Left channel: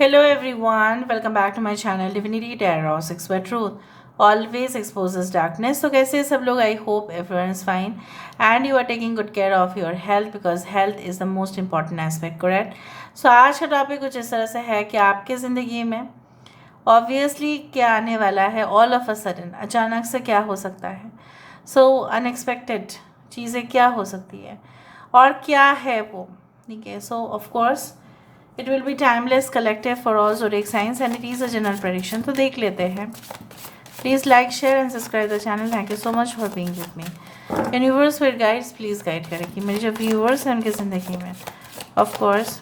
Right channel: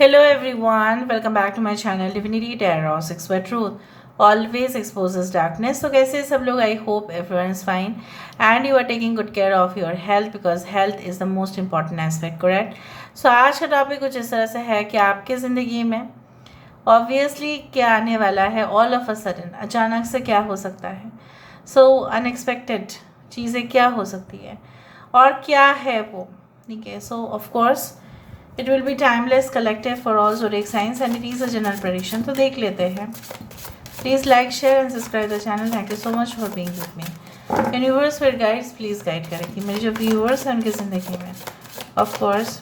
Hello everyone, welcome back to my channel Divinity Tarot 6 where truth always exposes darkness. तो कैसे सब लोग? I hope everyone is fine and you are taking good care of your health because health is the most important aspect, correct? So आज का topic कुछ इस तरह से है कि आपके ज़िंदगी में ऑब्वियसली क्या आने वाला है, ऑल ऑफ अ सडन अचानक से क्या हो सकता है, सो अनएक्सपेक्टेड चीज़ें क्या हो सकती है और क्या है वो, ठीक है. सो of course it will be timeless collective for all zodiac science and it is a general prediction. तो देख लेते हैं. Please like share and subscribe the channel. Thank you so much for being with me. Universe with guides please guide करें कि मेरे जो viewers हैं उनकी ज़िंदगी में of course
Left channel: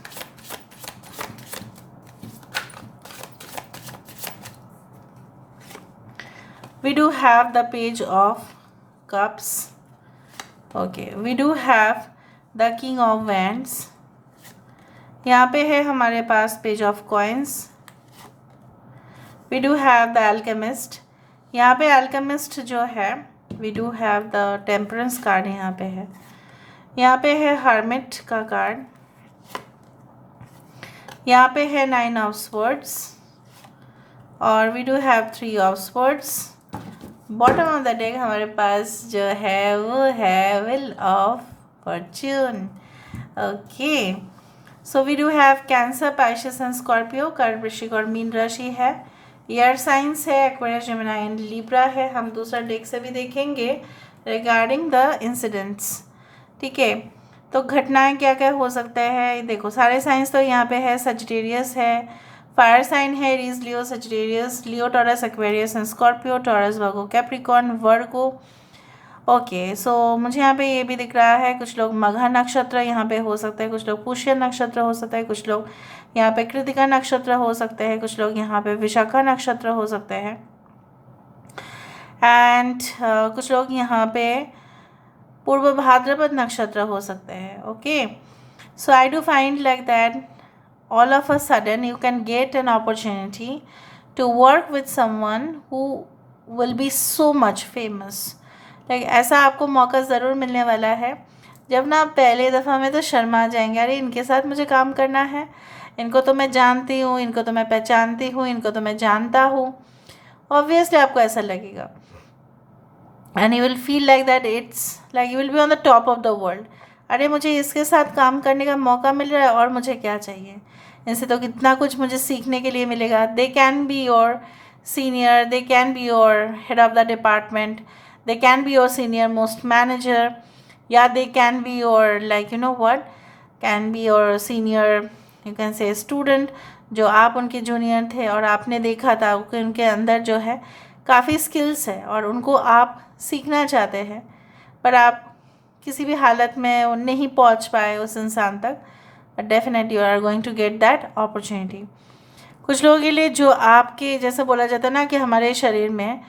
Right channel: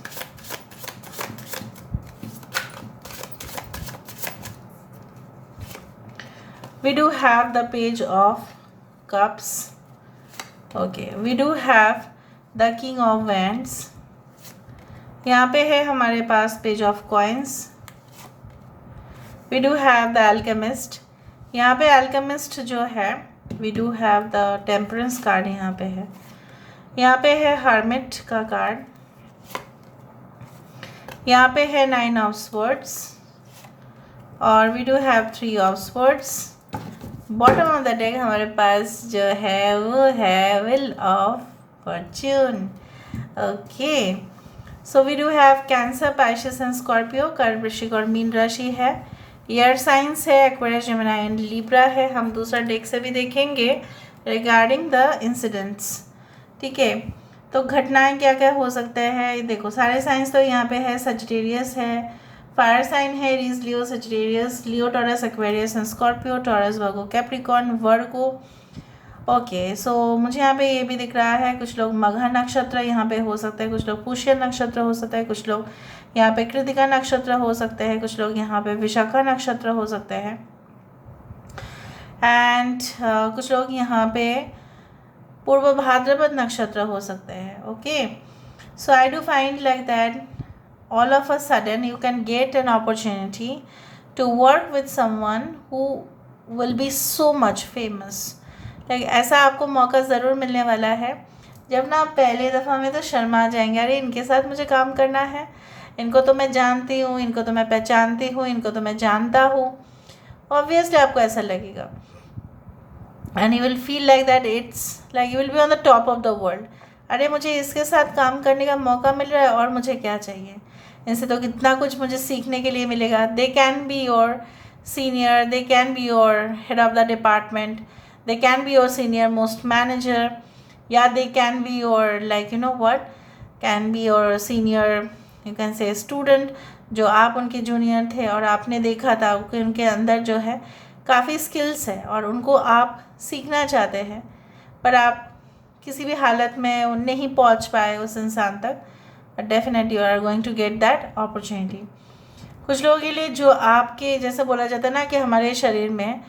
we do have the page of cups. Okay, we do have the king of wands. यहाँ पे है हमारे पास page of coins. We do have the alchemist. यहाँ पे अल्केमिस्ट जो है we do have the temperance card यहाँ पे है. यहाँ पे है हर्मिट का कार्ड. यहाँ पे है 9 ऑफ स्वर्ड्स और we do have 3 of swords. Bottom of the deck हमारे पास जो है वो है wheel of fortune. Okay, so we do have Cancer, Pisces and Scorpio. कर्क, वृश्चिक और मीन राशि है. एयर साइंस है, एक्वेरियस, जेमिनी एंड लिब्रा है. हम दूसरा डेक से भी देखेंगे रिगार्डिंग द इंसिडेंट्स. ठीक है, तो घटनाएं क्या क्या हो सकता है. देखो सारे साइंस तो यहाँ पे है. सजिटेरियस है, फायर साइन है, Aries, Leo, Sagittarius, Leo, Taurus, Aquarius and Scorpio, Taurus, Virgo, Capricorn, Virgo. Okay, so मुझे यहाँ पे ये भी दिख रहा है कुछ लोग मघा नक्षत्र यहाँ पे हो सकता है, कुछ लोग पुष्य नक्षत्र हो सकता है, कुछ लोग यहाँ पे कृतिका नक्षत्र हो सकते हैं, कुछ लोग यहाँ पे विशाखा नक्षत्र हो सकते हैं एंड कुछ लोग यहाँ पे पूर्व भाद्रपद नक्षत्र हो सकते हैं. Okay, so I do find like that all of a sudden you can get an opportunity to work with someone who will be so much famous. like ऐसा आपको मौका ज़रूर मिलने वाला है जब ना पहले दफ़ा में तो शर्मा जाएंगे, अरे इनके साथ मुझे काम करना है, इनको तो मैं जानती हूँ, इनको तो मैं पहचानती हूँ, इनको तो मैं जानता हूँ. ऑब्वियसली आपको ऐसा लगेगा and you will feel like that it's like you will be on the top of the world. अरे मुझे इसके साथ काम करने का मौका मिल रहा है और मुझे क्या चाहिए, इनसे तो कितना कुछ मुझे सीखने के लिए मिलेगा. They can be your senior, they can be your head of the department, they can be your senior most manager, या they can be your like you know what, can be your senior you can say student, जो आप उनके junior थे और आपने देखा था कि उनके अंदर जो है काफ़ी स्किल्स है और उनको आप सीखना चाहते हैं पर आप किसी भी हालत में नहीं पहुंच पाए उस इंसान तक. Definitely you are going to get that opportunity. कुछ लोगों के लिए जो आपके जैसे बोला जाता है ना कि हमारे शरीर में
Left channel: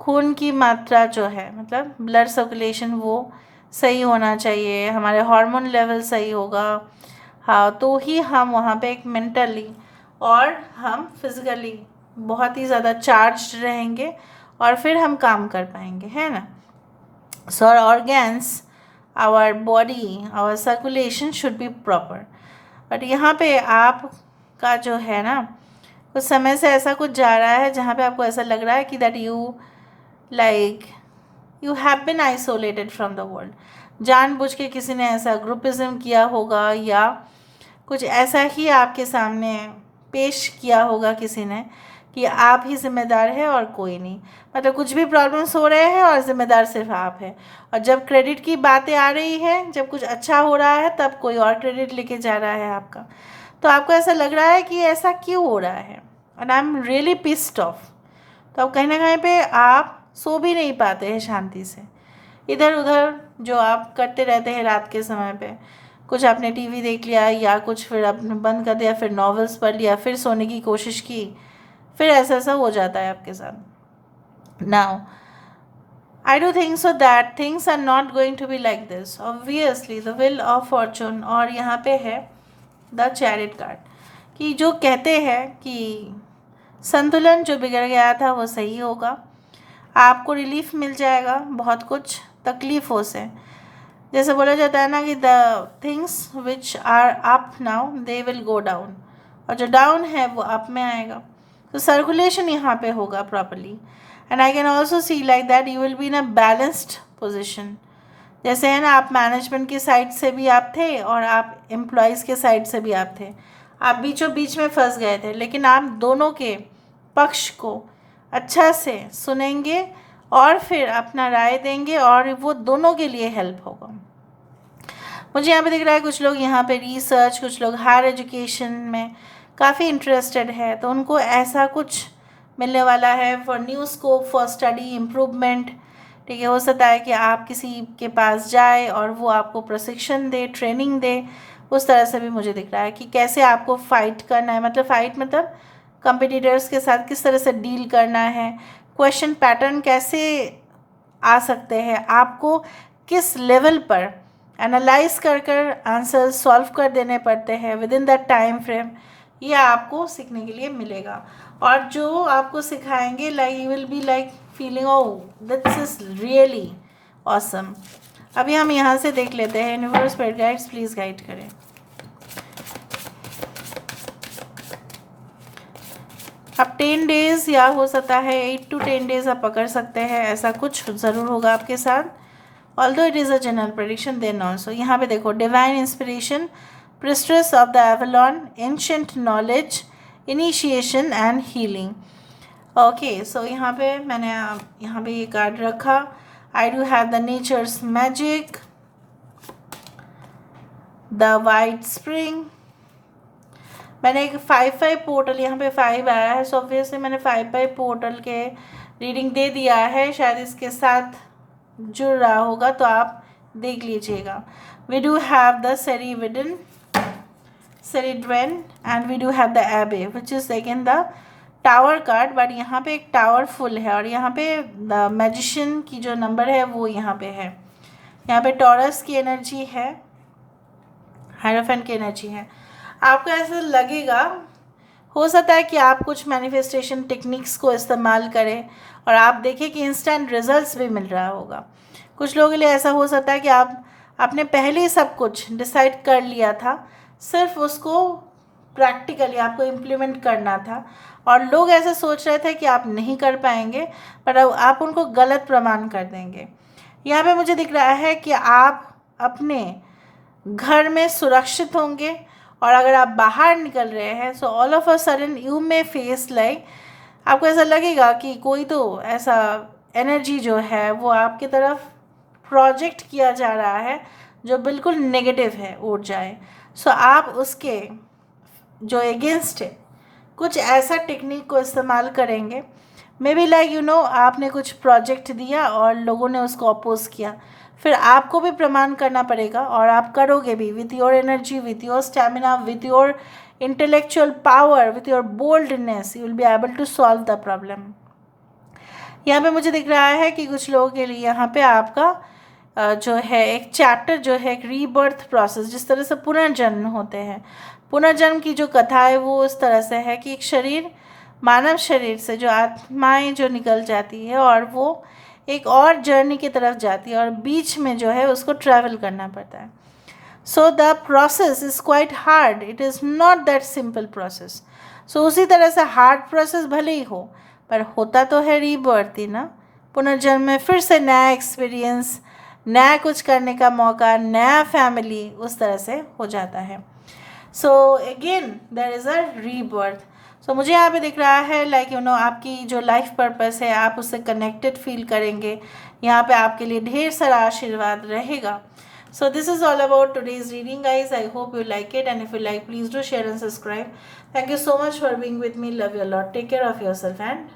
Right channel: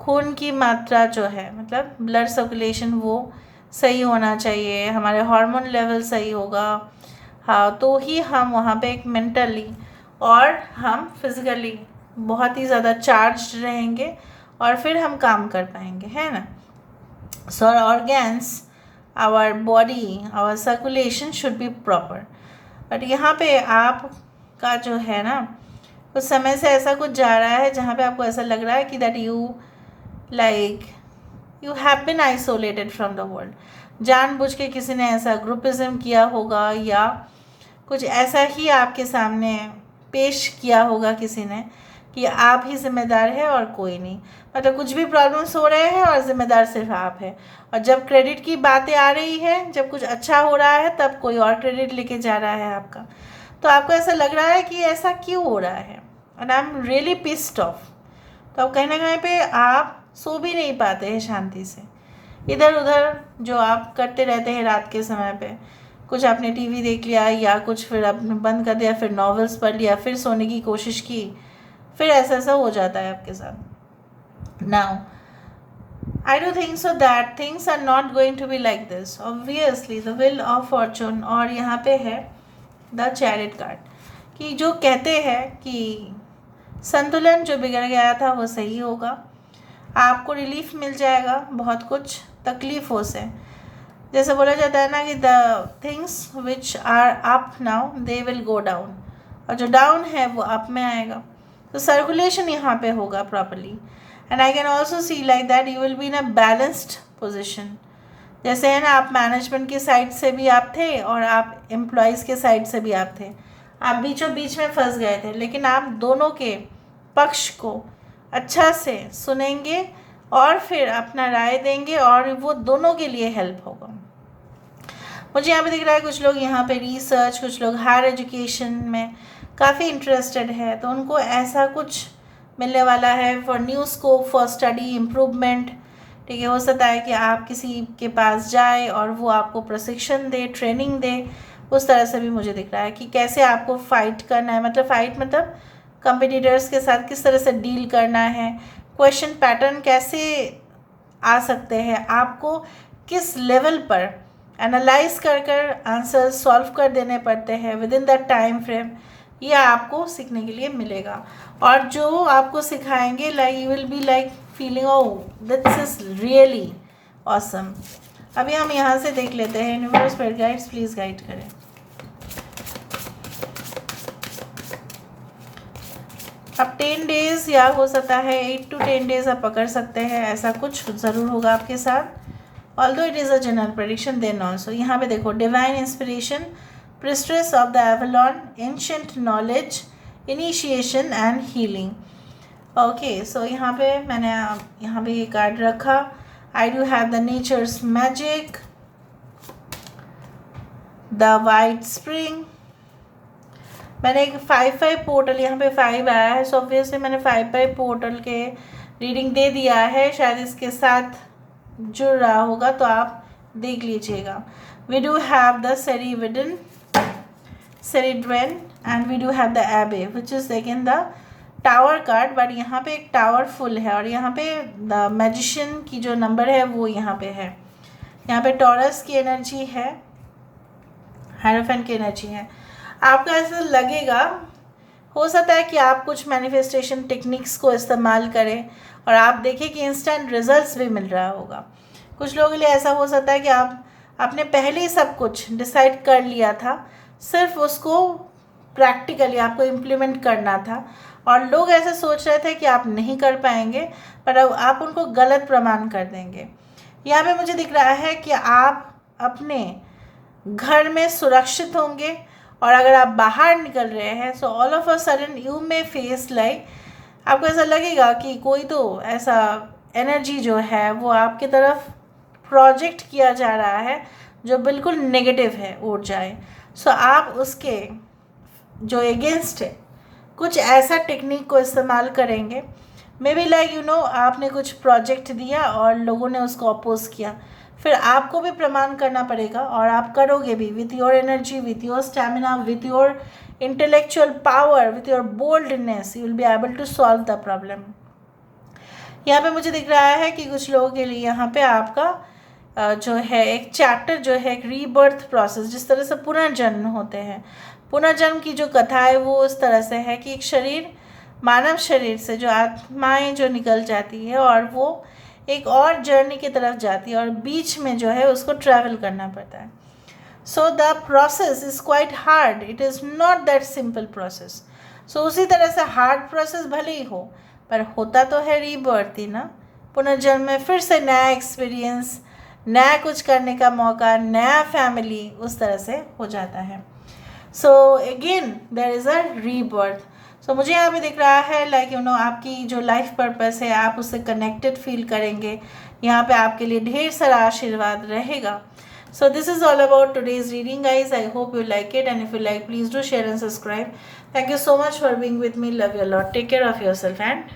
खून की मात्रा जो है मतलब ब्लड सर्कुलेशन वो सही होना चाहिए, हमारे हार्मोन लेवल सही होगा, हाँ, तो ही हम वहाँ पे एक मेंटली और हम फिज़िकली बहुत ही ज़्यादा चार्ज रहेंगे और फिर हम काम कर पाएंगे, है ना. So our organs, our body, our circulation should be proper. But यहाँ पे आपका जो है ना कुछ समय से ऐसा कुछ जा रहा है जहाँ पे आपको ऐसा लग रहा है कि that you like you have been isolated from the world. जानबूझ के किसी ने ऐसा ग्रुपिज्म किया होगा या कुछ ऐसा ही आपके सामने पेश किया होगा किसी ने कि आप ही जिम्मेदार है और कोई नहीं. मतलब कुछ भी प्रॉब्लम्स हो रहे हैं और ज़िम्मेदार सिर्फ आप है. और जब क्रेडिट की बातें आ रही है, जब कुछ अच्छा हो रहा है तब कोई और क्रेडिट लेके जा रहा है आपका. तो आपको ऐसा लग रहा है कि ऐसा क्यों हो रहा है and I am really pissed off. तो अब कहीं ना कहीं पे आप सो भी नहीं पाते हैं शांति से. इधर उधर जो आप करते रहते हैं रात के समय पे, कुछ आपने टीवी देख लिया या कुछ फिर आपने बंद कर दिया, फिर नॉवेल्स पढ़ लिया, फिर सोने की कोशिश की, फिर ऐसा हो जाता है आपके साथ. Now I do think so that things are not going to be like this. Obviously the wheel of fortune और यहाँ पे है the chariot card कि जो कहते हैं कि संतुलन जो बिगड़ गया था वो सही होगा, आपको रिलीफ मिल जाएगा बहुत कुछ तकलीफ़ों से. जैसे बोला जाता है ना कि the things which are up now they will go down. और जो डाउन है वो अप में आएगा। तो सर्कुलेशन यहाँ पे होगा properly. And I can also see like that you will be in a balanced position. जैसे है ना, आप मैनेजमेंट की साइड से भी आप थे और आप एम्प्लॉयज़ के साइड से भी आप थे, आप बीचों बीच में फंस गए थे, लेकिन आप दोनों के पक्ष को अच्छा से सुनेंगे और फिर अपना राय देंगे और वो दोनों के लिए हेल्प होगा। मुझे यहाँ पे दिख रहा है कुछ लोग यहाँ पे रिसर्च, कुछ लोग हायर एजुकेशन में काफ़ी इंटरेस्टेड है, तो उनको ऐसा कुछ मिलने वाला है for new scope for study improvement. ठीक है, हो सकता है कि आप किसी के पास जाए और वो आपको प्रशिक्षण दे, ट्रेनिंग दे। उस तरह से भी मुझे दिख रहा है कि कैसे आपको फ़ाइट करना है, मतलब फ़ाइट मतलब कंपटीटर्स के साथ किस तरह से डील करना है, क्वेश्चन पैटर्न कैसे आ सकते हैं, आपको किस लेवल पर एनालाइज कर कर आंसर सॉल्व कर देने पड़ते हैं with in that time frame, ये आपको सीखने के लिए मिलेगा। और जो आपको सिखाएंगे like you will be like feeling oh this is really awesome. अभी हम यहाँ से देख लेते हैं universe spirit guides please guide करें। अब 10 डेज़ या हो सकता है 8 to 10 डेज़ आप पकड़ सकते हैं, ऐसा कुछ ज़रूर होगा आपके साथ। Although it is a general prediction then also यहाँ पे देखो divine inspiration, priestess of the Avalon, ancient knowledge, initiation and healing. Okay, so यहाँ पे मैंने यहाँ पे ये कार्ड रखा, I do have the nature's magic, the white spring. मैंने एक 5-5 पोर्टल, यहाँ पे 5 आया है, सो ऑब्वियसली मैंने 5-5 पोर्टल के रीडिंग दे दिया है, शायद इसके साथ जुड़ रहा होगा तो आप देख लीजिएगा। We do have the Ceridwen, Ceridwen and we do have the abbey which is again the tower card, but यहाँ पे एक टावर फुल है और यहाँ पे द मैजिशियन की जो नंबर है वो यहाँ पे है। यहाँ पे टॉरस की एनर्जी है, हायरोफेंट की एनर्जी है। आपको ऐसा लगेगा, हो सकता है कि आप कुछ मैनिफेस्टेशन टेक्निक्स को इस्तेमाल करें और आप देखें कि इंस्टेंट रिजल्ट्स भी मिल रहा होगा। कुछ लोगों के लिए ऐसा हो सकता है कि आपने पहले ही सब कुछ डिसाइड कर लिया था, सिर्फ उसको प्रैक्टिकली आपको इम्प्लीमेंट करना था और लोग ऐसे सोच रहे थे कि आप नहीं कर पाएंगे, पर अब आप उनको गलत प्रमाण कर देंगे। यहाँ पे मुझे दिख रहा है कि आप अपने घर में सुरक्षित होंगे और अगर आप बाहर निकल रहे हैं so all of a sudden you may face like, आपको ऐसा लगेगा कि कोई तो ऐसा एनर्जी जो है वो आपकी तरफ प्रोजेक्ट किया जा रहा है जो बिल्कुल नेगेटिव है, उड़ जाए। सो आप उसके जो अगेंस्ट है कुछ ऐसा टेक्निक को इस्तेमाल करेंगे, may be like you no आपने कुछ प्रोजेक्ट दिया और लोगों ने उसको अपोज किया, फिर आपको भी प्रमाण करना पड़ेगा और आप करोगे भी with your energy, with your stamina, with your intellectual power, with your boldness, you will be able to solve the problem. यहाँ पे मुझे दिख रहा है कि कुछ लोगों के लिए यहाँ पे आपका जो है एक चैप्टर जो है एक रीबर्थ प्रोसेस, जिस तरह से पुनर्जन्म होते हैं, पुनर्जन्म की जो कथा है वो इस तरह से है कि एक शरीर, मानव शरीर से जो आत्माएं जो निकल जाती है और वो एक और जर्नी की तरफ जाती है और बीच में जो है उसको ट्रैवल करना पड़ता है। So the process is quite hard, it is not that simple process. So उसी तरह से हार्ड प्रोसेस भले ही हो पर होता तो है रीबर्थ ही ना, पुनर्जन्म में फिर से नया एक्सपीरियंस, नया कुछ करने का मौका, नया फैमिली, उस तरह से हो जाता है। So again there is a rebirth. So मुझे यहाँ पे दिख रहा है लाइक यू नो आपकी जो लाइफ पर्पस है आप उससे कनेक्टेड फील करेंगे, यहाँ पे आपके लिए ढेर सारा आशीर्वाद रहेगा। So this is all about today's reading guys. I hope you like it, and if you like please do share and subscribe. Thank you so much for being with me. Love you a lot. Take care of yourself and